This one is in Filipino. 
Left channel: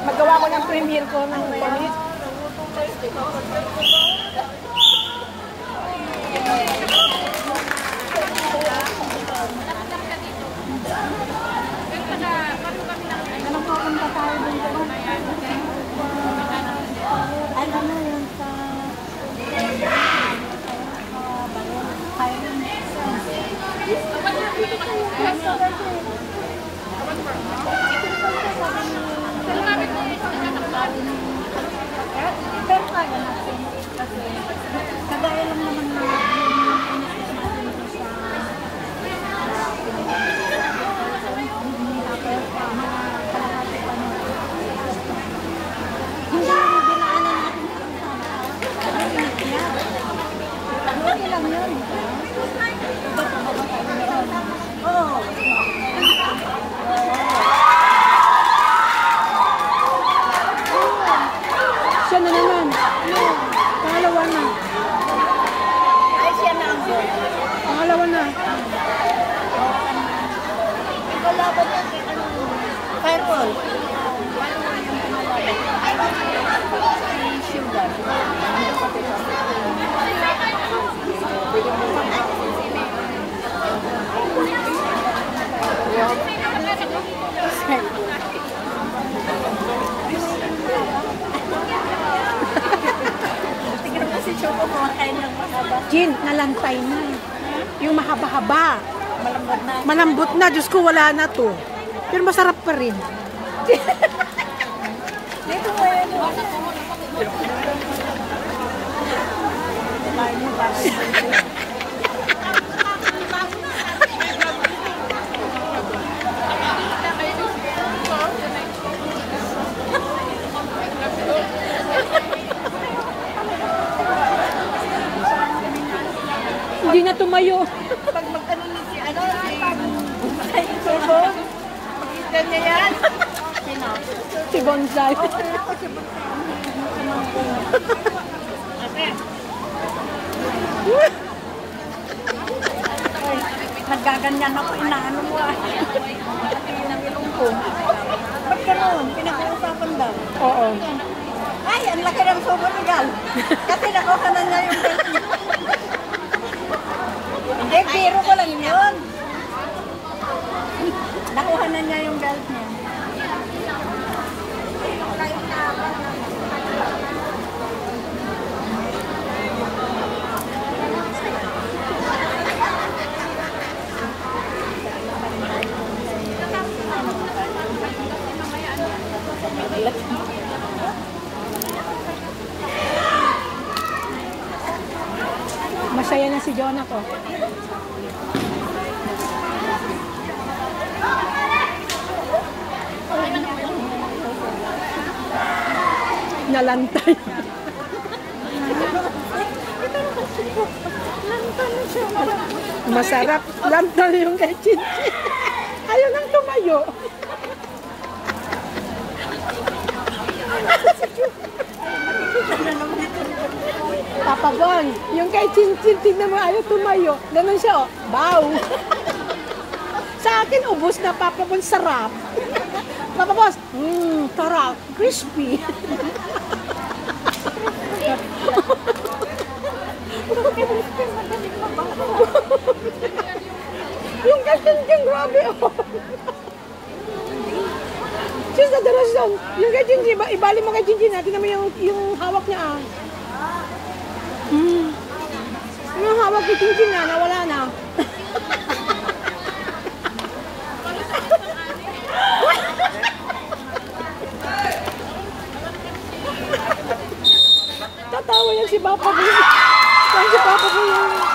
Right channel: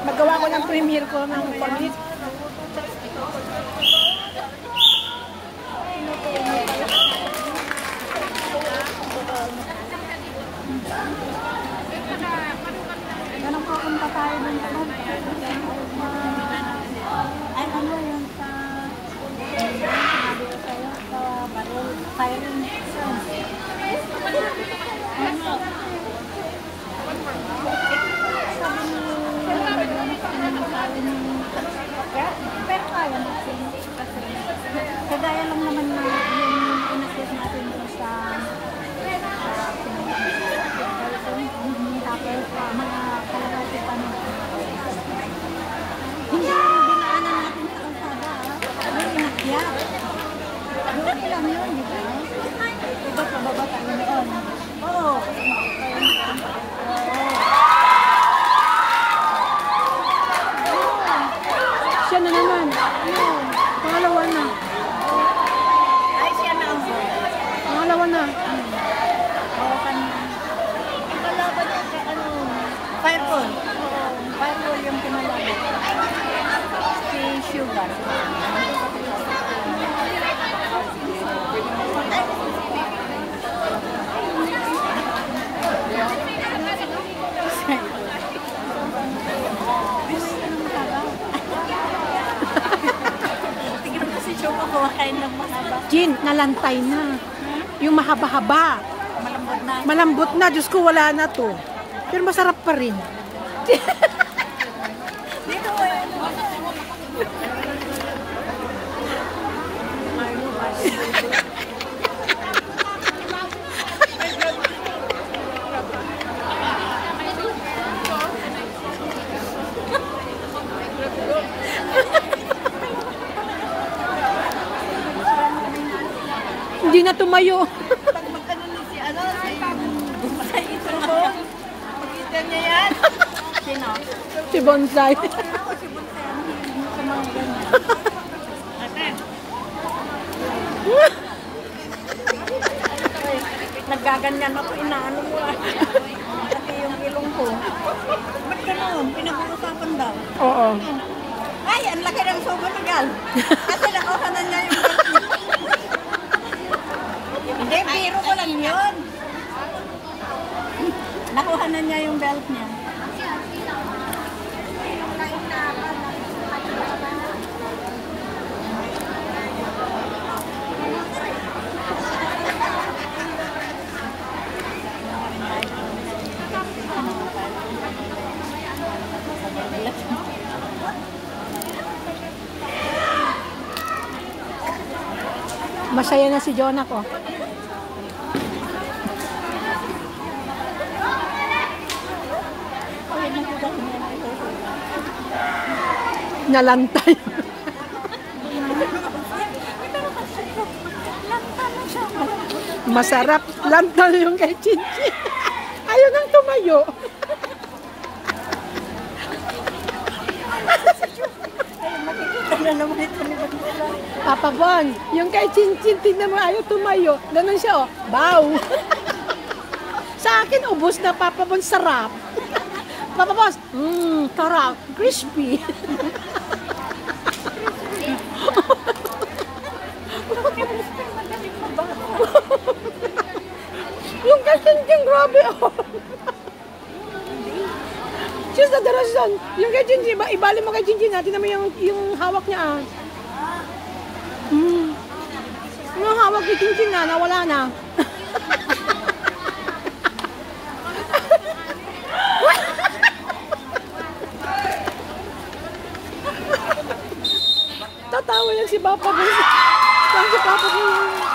Magawa ko ng premiere ko ng panis. Kagaya lang naman siya na naman. Pangalawa na. ay siya na ang Pangalawa na. ang kalaban Fireball yung pinakalit si Sugar Jin, nalantay na. Yung mahaba-haba. Malambot na. Diyos ko, wala na to. Pero masarap pa rin. dito mo yan Hindi na tumayo. pag mag-ano ni si ano ay ito makikita niya yan Si Bonsai. ay naggaganyan ako inaano mo ba't ganoon? Pinag-uusapan daw Oo. ay ang laki ng sumulugan kasi nakuha na niya yung belt niya hindi, biro ko lang yun nakuha na niya yung belt niya Masaya na si Jonah ko. Nalantay. Masarap. Lantay yung kay Chinchin. Ayaw nang tumayo. Papa Bon, yung kay Chinchin, tignan mo, ayaw tumayo. Ganun siya, oh. Bow. Sa akin, ubos na, Papa Bon, sarap. Papa Bon, sarap, crispy. Yung kay Chinchin, grabe, oh. Diyos na darasan. Yung kay Chinchin, ibali mo kay Chinchin, tignan mo yung hawak niya, ah. Yung hawak ni Chinchin na, nawala na. Tatawa lang si Papa ko. Si Papa ko yung